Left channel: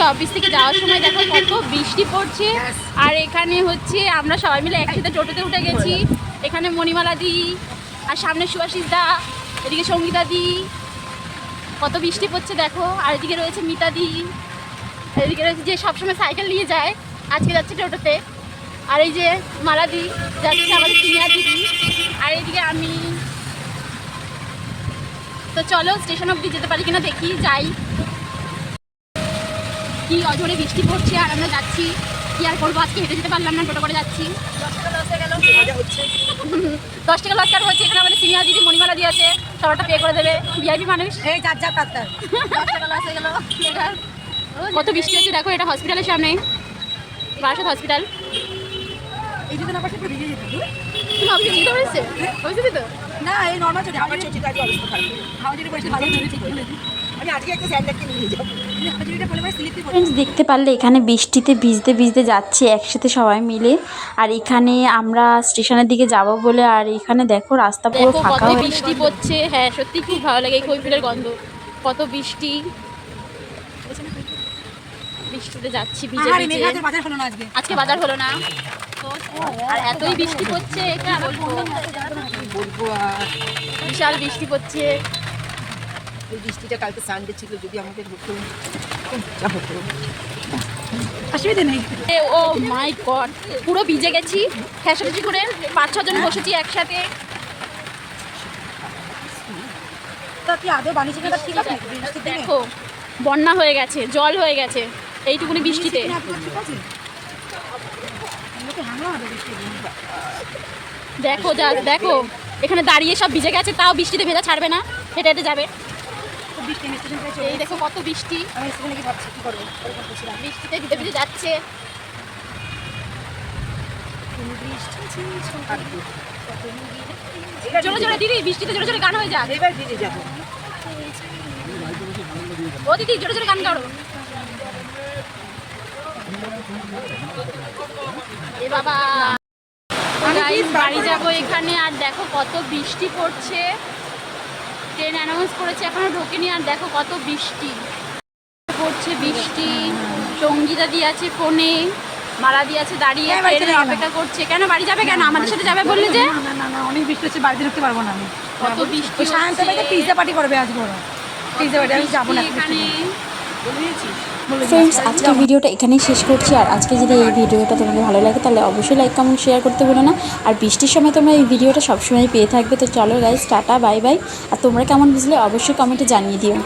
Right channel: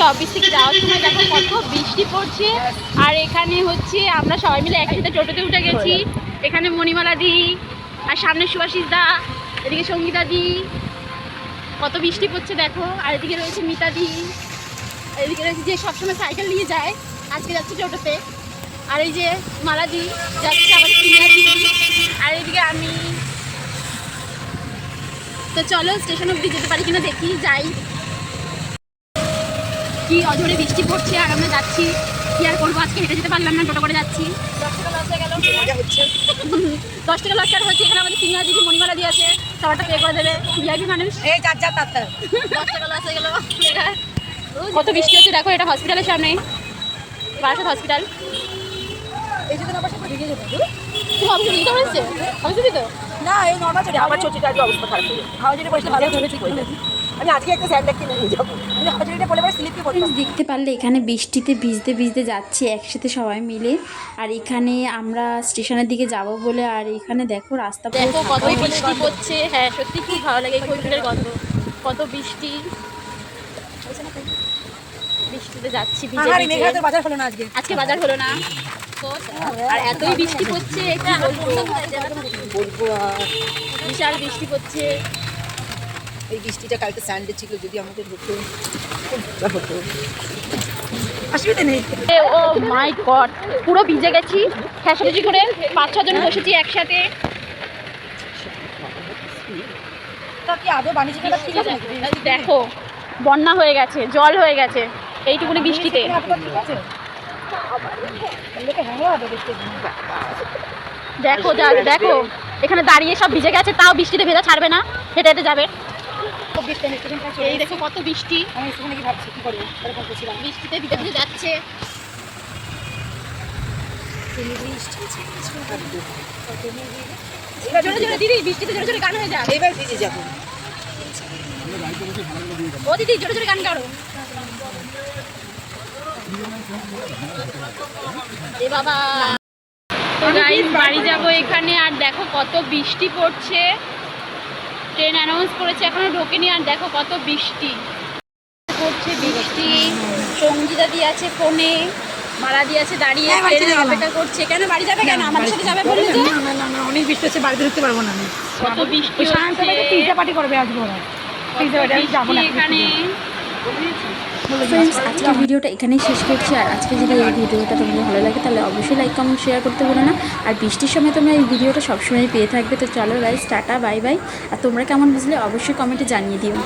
আজকে অফিস থেকে যাওয়ার সময় দেখো কত বৃষ্টি পড়ছে। আর এখানে হচ্ছে আমরা সবাই মিলে একসাথে টোটোতে উঠে গেছি। এখানে মণিমালা দি, আর সামনে সুভাষিস দা, এদিকে সঙ্গীতা দি। কত বৃষ্টি পড়ছে দেখো। আর এদিকে রয়েছে মিতা দি, এদিকে রয়েছে যে সবসময় সাইকেল নিয়ে যায়, আজকে যাচ্ছে টোটোতে। আর এই যে মালাদি যাচ্ছে আমাদের সিনিয়র দিদি। আর এইদিকে আমি। তো চলো স্টেশন অবধি যেতে পারি কিনা দেখি, যাই। কি অঝরে বৃষ্টি পড়ছে আর আমরা যাচ্ছি। কি আর করবো, আজকে হেঁটে যেতে পারলাম না, টোটো করে যাচ্ছি। 10 টাকা লস হয়ে গেল। 10 টাকা লস কার হচ্ছে? এখানে আমাদের সিনিয়র দিদি মণিমালা দিয়ে আছে, সবারটা পে করে দেবে। ভিআইপি মানুষ। এই যার যা তার 10 টাকা লস হয়ে গেল। কত বৃষ্টি হচ্ছে দেখো, এটা হসপিটালের সামনে, বারাসাত হসপিটাল। এই যদি না পাশে পুরো ভিজে যেত। তুমি অফিসে দিতে হয়েছে? অফিসে দিত না, এই নরমাল চটি আমার চটিটা আজকে অবস্থা খারাপ হয়ে গেছে। হাওয়া যেটা পড়েছে ভালো ধরেছি বলে। আমি আজকে একটা স্যান্ডেল কিনে নিয়ে যাবো। আমি হাওয়া যেটা পড়লে পরে স্লিপ দিয়ে ফ্রেন্ডস, দেখতে পারলে এখানে বৃষ্টিতে ভিজতে ভিজতে যাচ্ছি একসাথে সবাই মিলে। আর এখানে আমরা স্টেশনের দিকে যাব বলে, আর এখানে দেখো রাস্তা পুরো দেখো ফাঁকা কত হয়ে বৃষ্টি পড়ছে। হ্যাঁ সত্যি খুব ভালো লাগে এই কৈফিলের গন্ধ। কত বৃষ্টি, বৃষ্টিতে যাচ্ছি ভিজে আর ভিজে। মেঘাতে বাজার হলো না আজকে। আজকে বাজার হলো না। আর এতই বৃষ্টি পড়ছে কি বলবো। বলবো আর বিশাল বৃষ্টি পড়ছে। এই বৃষ্টিটা কালকে সানডে ছিল, যদি আমাদের হতো যা হতো। অসুবিধা নেই। ও মাই গড, পুরো ভিজে গেছি ফ্যাসাফেসি করে। 5-6 জন বসেছি একসাথে। তো কি আদৌ বাণিজ্য মেলা ঠিক আছে? দেখো বন্যা হয়ে গেছে, জল হয়ে গেছে এইটুকুনি বৃষ্টিতে। ঠিক আছে, লোকে হ্যাংলা হবে দেখতে। দেখো যা দেখো, এখানে দাঁড়িয়ে সব ভিজে গেছে, তাও বৃষ্টিতে ভেজা ছাড়বে না, হেঁটে হেঁটে যাবে। খুব বৃষ্টি নিচ্ছে। এই দেখো কত বৃষ্টি। আমি সেখানে কি ভাবছি কি করবো, এরকম করছিলাম। বৃষ্টিতে ভিজে ভিজে যাচ্ছে। জোরে জোরে দিদি, বৃষ্টিতে জোরে জোরে গান হয়ে যাক। এবার ভিজে যাবো। ও দিদি জোরে জোরে গান গাও। এ বাবা, গাইস বাড়ি যাবো এখানে। আর দেখো কত বৃষ্টি পড়ছে। ট্রেন অ্যানাউন্স করেছে, এখনো ঢোকেনি। আর দেখো কত বৃষ্টি পড়ছে, বৃষ্টি। সঙ্গীতা দিয়ে আছে ফোনে, মালা দিয়ে আছে দাঁড়িয়ে ট্রেনের অপেক্ষা করছে। কেন বাড়ি যাবে কেন? আমাদের সাথে যাবে বললে যে। না অনেক বৃষ্টি হচ্ছে, বাড়িতে ঢুকতে পারবো না আমি। কত বৃষ্টি ওই সায়ন্তলাকে পিৎজা পার্টি করবে আজকে ওরা। পিৎজা পার্টি আমি যাবো না এখানে। ফ্রেন্ডস, আজকের ভিডিওটা এখানেই শেষ করছি। আর আজকে যদি এই ভিডিওটা তোমাদের ভালো লাগে তাহলে অবশ্যই লাইক কমেন্ট শেয়ার করতে ভুলো না। আর বৃষ্টির সময় তোমরা এই ভিডিওটা সবসময় পেয়ে থাকবে। তো চলো গাইস, টাটা বাই বাই। আর তোমরা কেমন বুঝলে অবশ্যই কমেন্টে জানিয়ে দিও।